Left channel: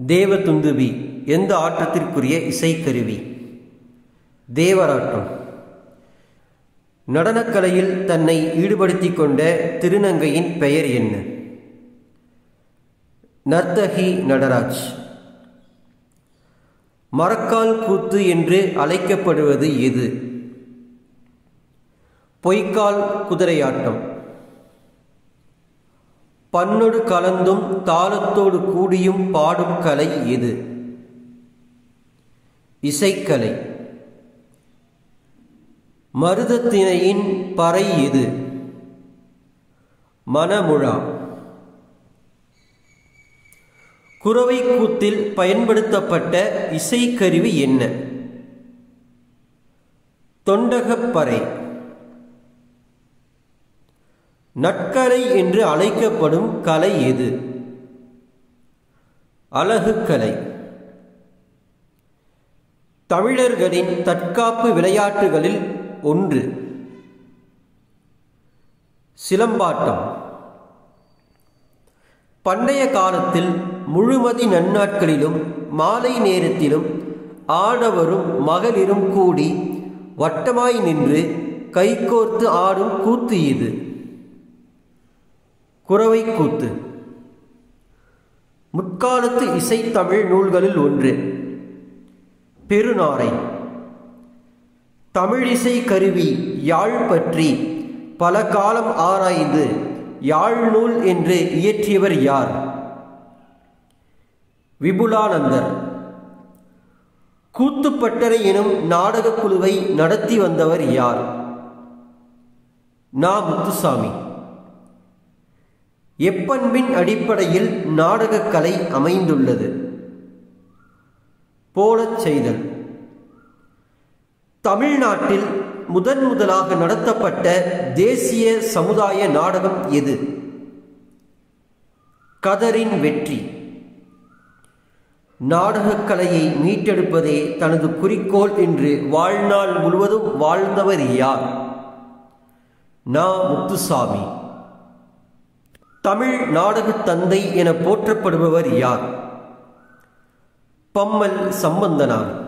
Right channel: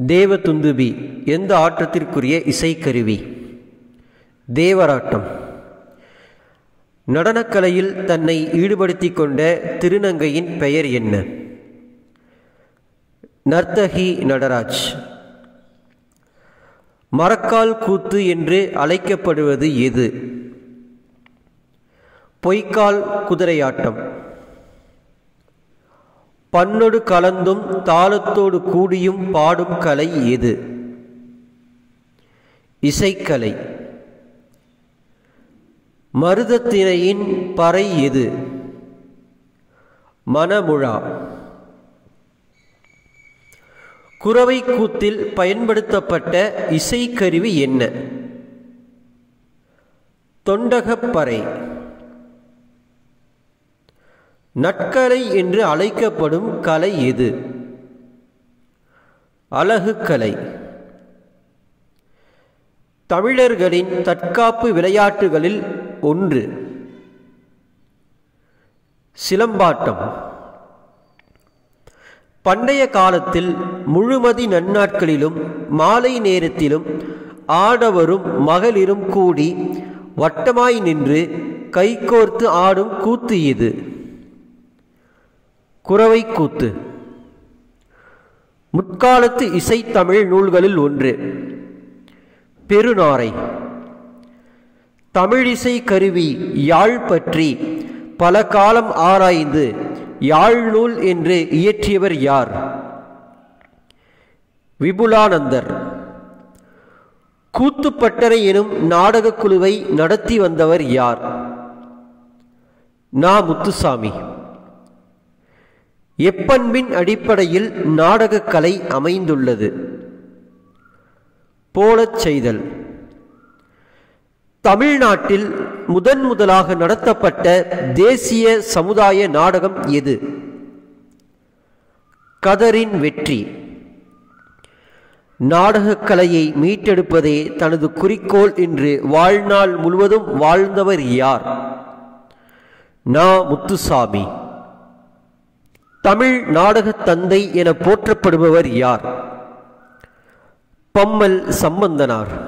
தேவதுந்துபி எந்த ஆட்டத்திற்குரிய இசைக்கருவி? தேவராட்டம். நடனக்கலையில் தன்னை ஈடுபடுத்திக் கொண்ட திருநங்கையின் பெயர் என்ன? நர்த்தகி நடராஜ். மரக்கால் கூத்து என்று அழைக்கப்படுவது எது? பொய்க்கால் குதிரையாட்டம். பண்ணொடு கலந்தும் தாளத்தோடு கூடியும் பாடும் கலை எது? இசைக்கலை. மருதத்திணையின் பறை எது? மணமுழா. குரவை கூத்தில் பயன்படுத்தப்பட்ட இசைக்கருவி என்ன? தொண்டகப்பறை. நட்கலை என்று அழைக்கப்படும் கலை எது? அலகுக்கலை. தமிழர்களின் தற்காப்பு விளையாட்டுகளில் ஒன்று. சிலம்பாட்டம். பண்டைய காலத்தில் முழுமதி நன்னாட்களிலும் மாலை நேரத்திலும் ஆடவரும் மகளிரும் கூடி வட்டமாய் நின்று கைகோர்த்து ஆடும் கூத்து இது. குரவை கூத்து. முற்காலத்து இசைத்தமிழ் நூல்களில் ஒன்று. பெருநாரை. தமிழிசை கருவி யாழ் பற்றி பல காலம் ஆராய்ந்து யாழ் நூல் என்று இயற்றியவர் யார்? விபுலானந்தர். கூத்துப்பட்டறை எனும் நாடகக் குழுவை நடத்தி வந்தவர் யார்? நா. முத்துசாமி. எப்பண்பின் அடிப்படையில் நாடகக்கலை அமைந்துள்ளது? போலச் செய்தல். தமிழ்நாட்டில் முதலாக நடத்தப்பட்ட தேசிய சமுதாய நாடகம் எது? கதரின் வெற்றி. நாடகக்கலையை மீட்டெடுப்பதே தனது குறிக்கோள் என்று வாழ்நாள் முழுவதும் வாழ்ந்தவர் யார்? நா. முத்துசாமி. தமிழ் நாடகத் தந்தை என போற்றப்படுபவர் யார்? பம்மல் சம்பந்தனார்.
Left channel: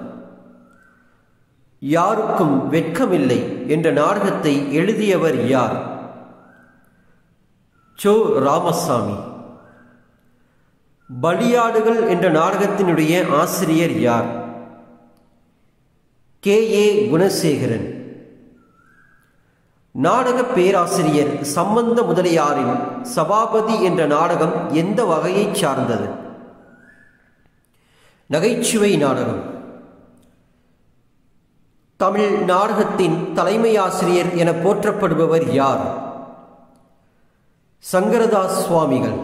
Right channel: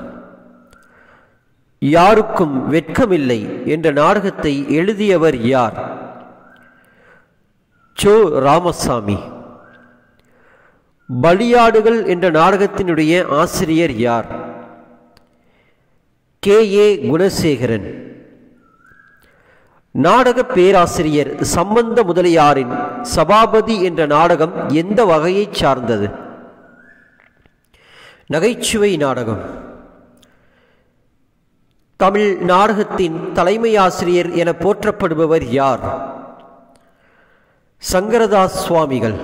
யாருக்கும் வெட்கமில்லை என்ற நாடகத்தை எழுதியவர் யார்? சோ. ராமசாமி. பலியாடுகள் என்ற நாடகத்தினுடைய ஆசிரியர் யார்? கே. ஏ. குணசேகரன். நாடக பேராசிரியர் சம்பந்த முதலியாரின் சபாபதி என்ற நாடகம் எந்த வகையைச் சார்ந்தது? நகைச்சுவை நாடகம். தமிழ் நாடகத்தின் தலைமை ஆசிரியர் என போற்றப்படுபவர் யார்? சங்கரதாஸ் சுவாமிகள்.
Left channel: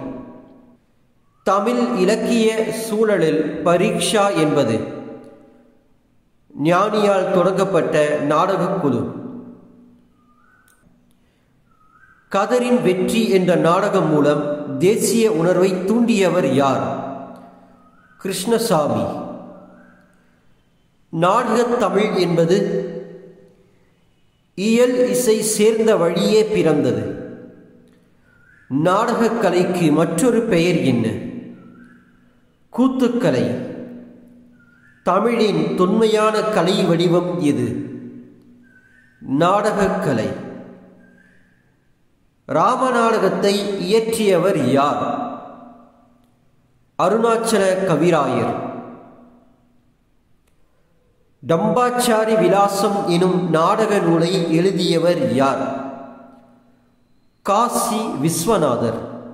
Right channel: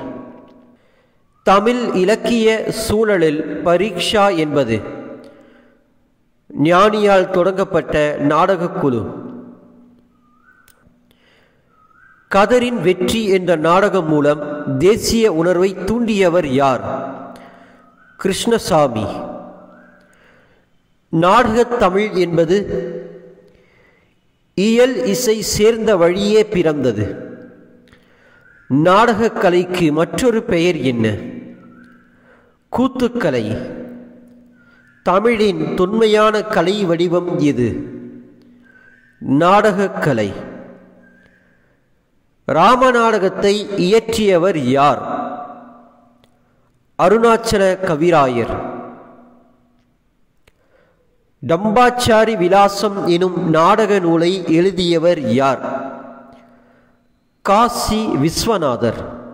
தமிழ் இலக்கிய சூழலில் பரீட்சா என்பது ஞானியால் தொடங்கப்பட்ட நாடகக் குழு. கதரின் வெற்றி என்ற நாடகம் மூலம் தேசிய உணர்வை தூண்டியவர் யார்? கிருஷ்ணசாமி. நாடகத் தமிழ் என்பது இயல் இசை சேர்ந்த வழியே பிறந்தது. நாடகக் கலைக்கு மற்றொரு பெயர் என்ன? கூத்துக்கலை. தமிழின் தொன்மையான கலை வடிவம் எது? நாடகக்கலை. ராமநாடகத்தை இயற்றியவர் யார்? அருணாச்சல கவிராயர். டம்பாச்சாரி விலாசம் எனும் நாடக நூலை எழுதியவர் யார்? காசி விஸ்வநாதர்.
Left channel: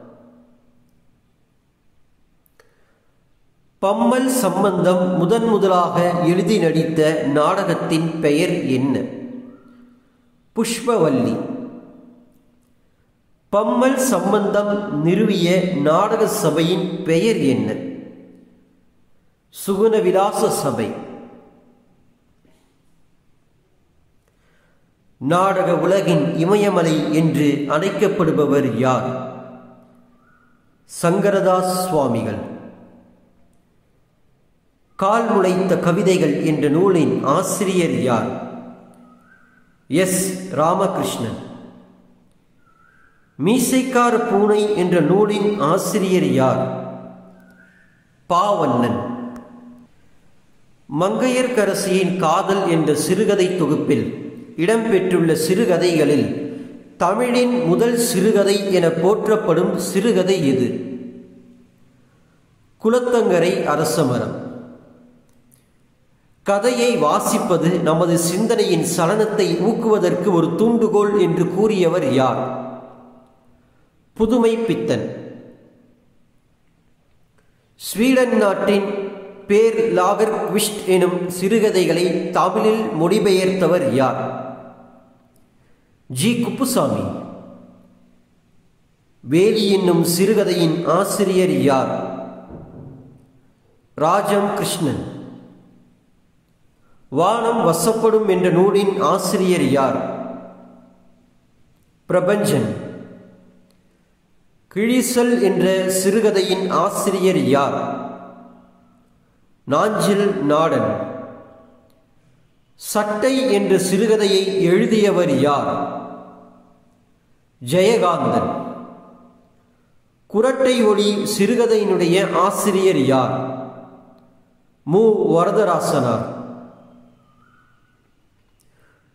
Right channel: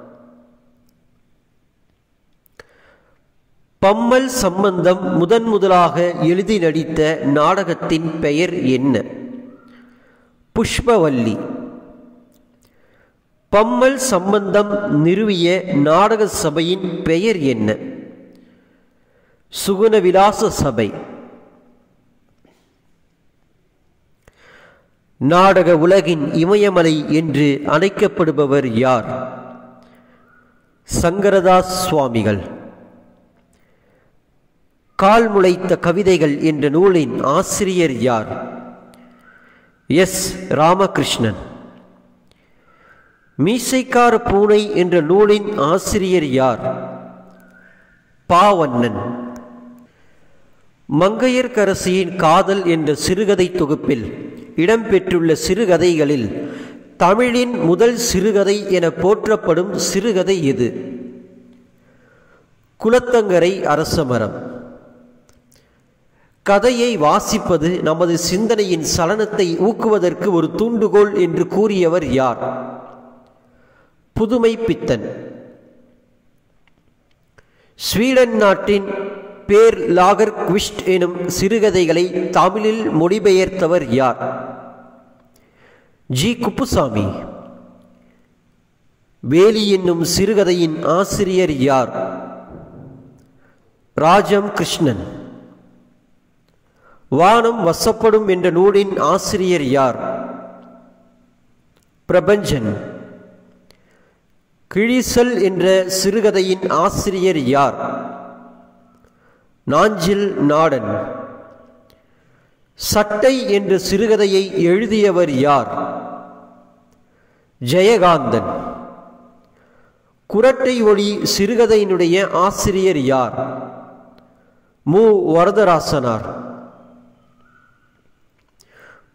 பம்மல் சம்பந்தம் முதலாக எழுதி நடித்த நாடகத்தின் பெயர் என்ன? புஷ்பவல்லி. பம்மல் சம்பந்தம் நிறுவிய நாடக சபையின் பெயர் என்ன? சுகுணவிலாச சபை. நாடக உலகின் இமயமலை என்று அழைக்கப்படுபவர் யார்? சங்கரதாஸ் சுவாமிகள். கால் முளைத்த கவிதைகள் என்ற நூலின் ஆசிரியர் யார்? எஸ். ராமகிருஷ்ணன். மீசைக்கார பூனை என்ற நூலின் ஆசிரியர் யார்? பாவண்ணன். மங்கையர்க்கரசியின் காதல் என்ற சிறுகதை தொகுப்பில் இடம்பெற்றுள்ள சிறுகதைகளில் தமிழின் முதல் சிறுகதை என போற்றப்படும் சிறுகதை எது? குலத்தங்கரை அரசமரம். கதையை வாசிப்பது நமது சிந்தனையின் சலனத்தை ஊக்குவதற்கு ஒரு தூண்டுகோல் என்று கூறியவர் யார்? புதுமை பித்தன். ஸ்வீடன் நாட்டின் பேர் லாகர் குவிஸ்ட் எனும் சிறுகதைகளை தமிழில் மொழிபெயர்த்தவர் யார்? ஜி. குப்புசாமி. வேலி என்னும் சிறுகதையின் ஆசிரியர் யார்? ராஜம் கிருஷ்ணன். வானம் வசப்படும் என்ற நூலின் ஆசிரியர் யார்? பிரபஞ்சன். கிழிசல் என்ற சிறுகதையின் ஆசிரியர் யார்? நாஞ்சில் நாடன். சட்டை என்ற சிறுகதையை எழுதியவர் யார்? ஜெயகாந்தன். குரட்டை ஒளி சிறுகதையினுடைய ஆசிரியர் யார்? மு. வரதராசனார்.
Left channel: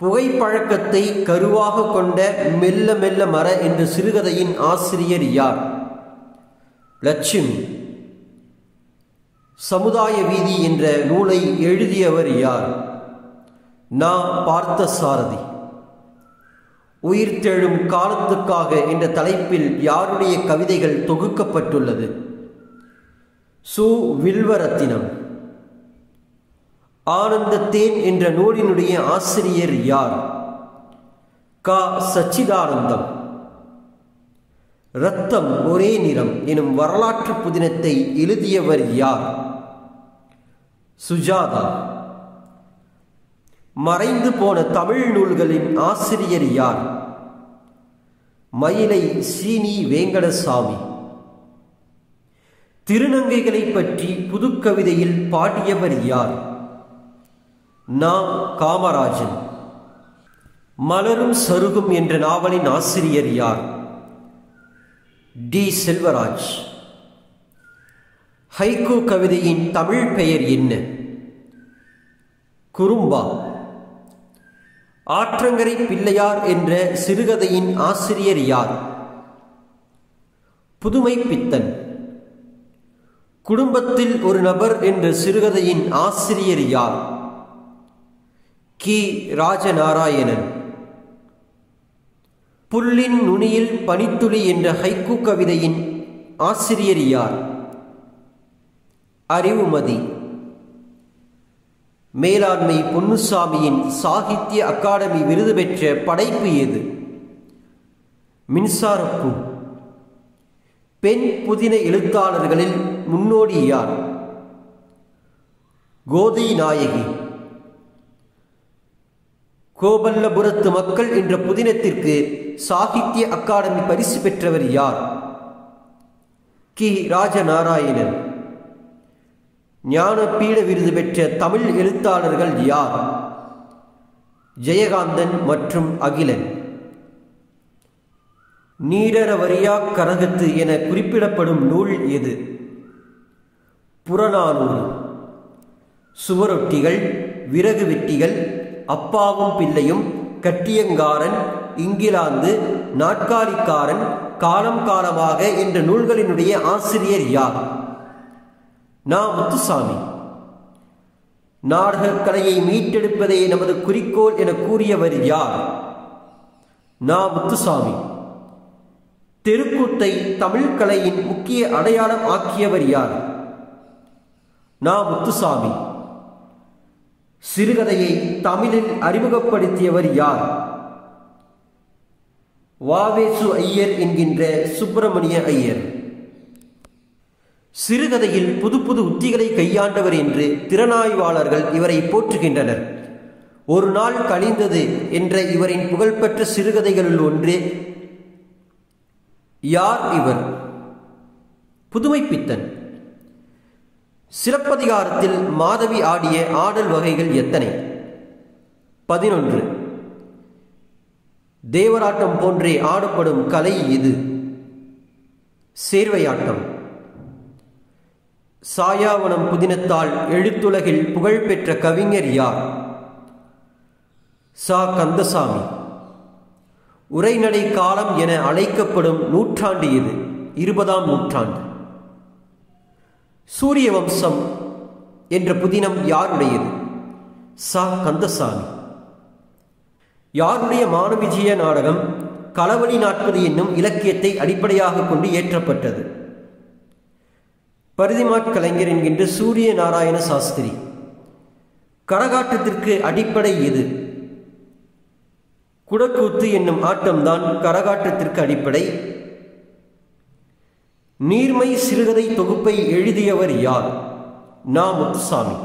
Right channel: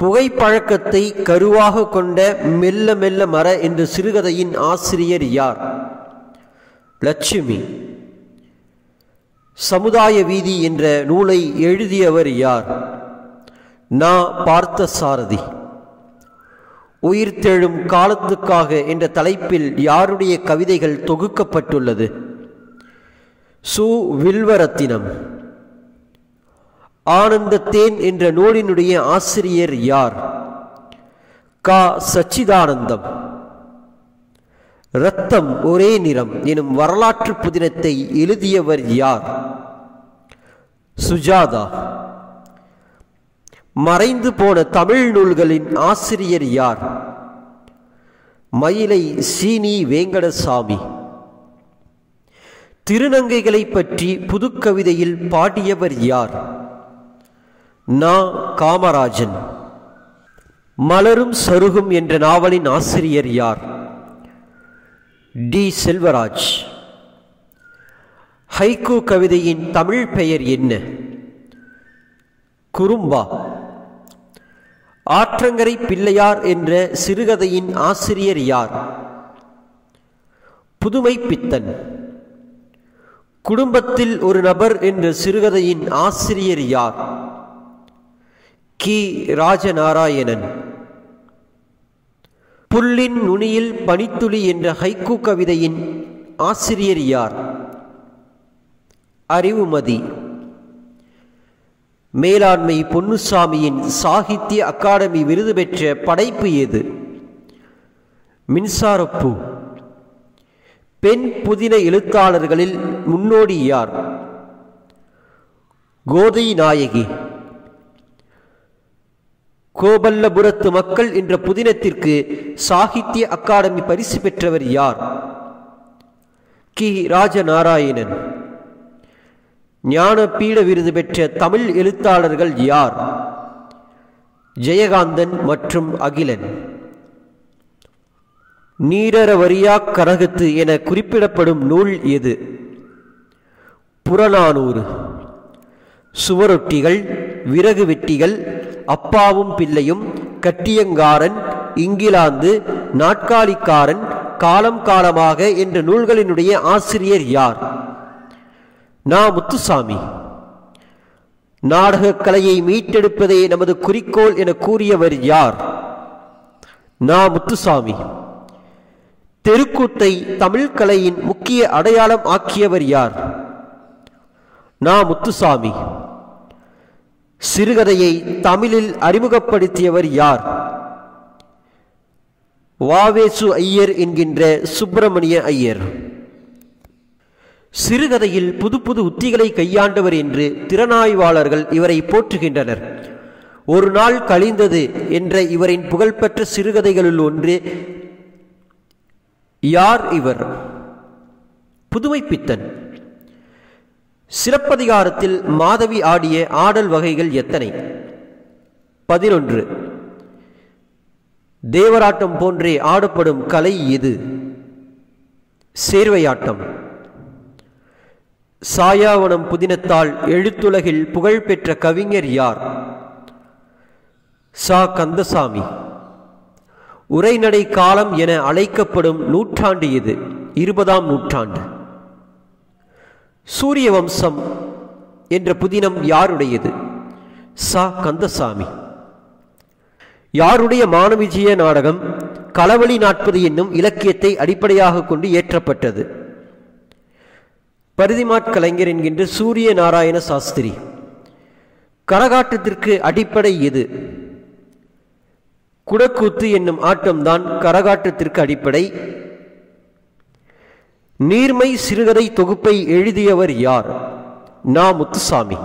புகைப்பழக்கத்தை கருவாக கொண்ட மெல்ல மெல்ல மர என்ற சிறுகதையின் ஆசிரியர் யார்? லட்சுமி. சமுதாய வீதி என்ற நூலை எழுதியவர் யார்? நா. பார்த்தசாரதி. உயிர்த்தெழும் காலத்துக்காக என்ற தலைப்பில் யாருடைய கவிதைகள் தொகுக்கப்பட்டுள்ளது? சு. வில்வரத்தினம். ஆனந்தத்தேன் என்ற நூலினுடைய ஆசிரியர் யார்? க. சச்சிதானந்தம். இரத்தம் ஒரே நிறம் எனும் வரலாற்று புதினத்தை எழுதியவர் யார்? சுஜாதா. மறைந்து போன தமிழ் நூல்களின் ஆசிரியர் யார்? மயிலை சீனி வேங்கடசாமி. திருநங்கைகளை பற்றி புதுக்கவிதையில் பாடியவர் யார்? நா. காமராஜன். மலரும் சருகும் என்ற நாவலின் ஆசிரியர் யார்? டி. செல்வராஜ். ஹைக்கூ கவிதையின் தமிழ் பெயர் என்ன? குறும்பா. ஆற்றங்கரை பிள்ளையார் என்ற சிறுகதையின் ஆசிரியர் யார்? புதுமை பித்தன். குடும்பத்தில் ஒரு நபர் என்ற சிறுகதையின் ஆசிரியர் யார்? கி. ராஜநாராயணன். புல்லின் நுனியில் பனித்துளி என்ற ஹைக்கூ கவிதையின் ஆசிரியர் யார்? அறிவுமதி. மேலாண்மை பொன்னுசாமியின் சாகித்ய அகாடமி விருது பெற்ற படைப்பு எது? மின்சாரப்பூ. பெண் புதின எழுத்தாளர்களில் முன்னோடி யார்? கோதை நாயகி. கோபல்லபுரத்து மக்கள் என்ற புதினத்திற்கு சாகித்ய அகாடமி பரிசு பெற்றவர் யார்? கி. ராஜநாராயணன். ஞானபீட விருது பெற்ற தமிழ் எழுத்தாளர்கள் யார்? ஜெயகாந்தன் மற்றும் அகிலன். நீரறவரியா கரகத்து என குறிப்பிடப்படும் நூல் எது? புறநானூறு. சுவரொட்டிகள், விறகு வெட்டிகள், அப்பாவும் பிள்ளையும், கட்டியங்காரன், இங்கிலாந்து, நாட்காலிக்காரன், காலம் காலமாக என்ற நூல்களினுடைய ஆசிரியர் யார்? நா. முத்துசாமி. நாடகக் கலையை மீட்டெடுப்பதே நமது குறிக்கோள் என கூறியவர் யார்? நா. முத்துசாமி. தெருக்கூத்தை தமிழ் கலையின் முக்கிய அடையாளம் ஆக்கியவர் யார்? நா. முத்துசாமி. சிறுகதையை தமிழில் அறிமுகப்படுத்தியவர் யார்? வாவேசு ஐயர் என்கின்ற சுப்பிரமணிய ஐயர். சிறுகதையில் புது புது உத்திகளை கையாண்டவர் என்று திறனாய்வாளர்கள் இவரை போற்றுகின்றனர். ஒரு நாள் கழிந்தது என்ற இவரின் புகழ்பெற்ற சிறுகதைகளுள் ஒன்று. யார் இவர்? புதுமை பித்தன். சிலப்பதிகாரத்தில் மாதவி ஆடிய ஆடல் வகைகள் எத்தனை? 11. தேவராட்டம் போன்றே ஆடப்படும் கலை எது? சேர்வையாட்டம். சாயாவனம் புதினத்தால் எழுத்துலகில் புகழ்பெற்ற கவிஞர் யார்? சா. கந்தசாமி. உரைநடை காலம் என அழைக்கப்படும் நூற்றாண்டு இது 20ஆம் நூற்றாண்டு. சூரிய வம்சம் என்ற புதினம் யாருடையது? சா. கந்தசாமி. யாருடைய மானவிஜய நாடகம் களவழி 40 என்னும் இலக்கியத்தை அடிப்படையாக கொண்டு ஏற்றப்பட்டது? பரிதிமாற்கலைஞர் என்கின்ற சூரிய நாராயண சாஸ்திரி. கரகாட்டத்திற்கு அடிப்படை எது? குடக்கூத்து என்னும் ஆட்டம்தான் கரகாட்டத்திற்கு அடிப்படை. நீர்மை சிறுகதை தொகுப்பை எழுதியவர் யார்? நா. முத்துசாமி.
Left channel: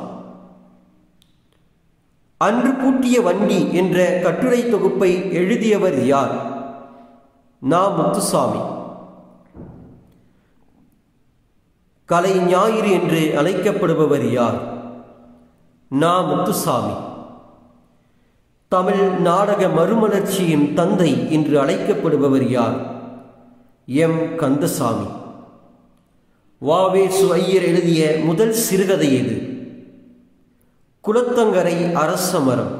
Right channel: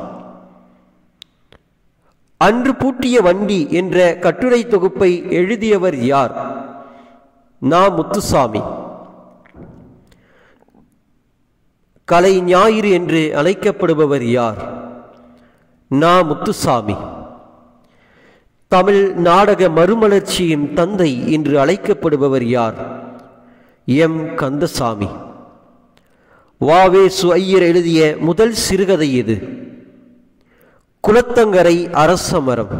அன்று பூட்டிய வண்டி என்ற கட்டுரை தொகுப்பை எழுதியவர் யார்? நா. முத்துசாமி. கலை ஞாயிறு என்று அழைக்கப்படுபவர் யார்? நா. முத்துசாமி. தமிழ் நாடக மறுமலர்ச்சியின் தந்தை என்று அழைக்கப்படுபவர் யார்? எம். கந்தசாமி. வாவேசு ஐயர் எழுதிய முதல் சிறுகதை எது? குளத்தங்கரை அரசமரம்.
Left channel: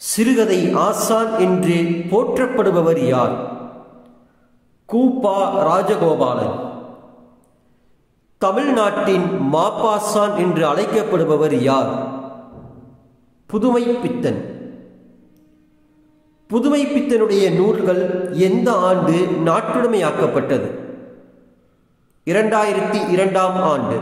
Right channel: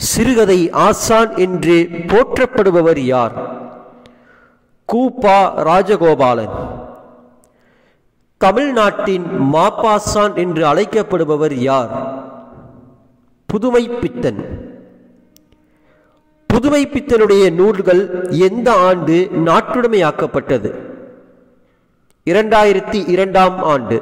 சிறுகதை ஆசான் என்று போற்றப்படுபவர் யார்? கூபா ராஜகோபாலன். தமிழ்நாட்டின் மாப்பாசான் என்று அழைக்கப்படுபவர் யார்? புதுமைப்பித்தன். புதுமைப்பித்தனுடைய நூல்கள் எந்த ஆண்டு நாட்டுடைமையாக்கப்பட்டது? 2002ஆம் ஆண்டு.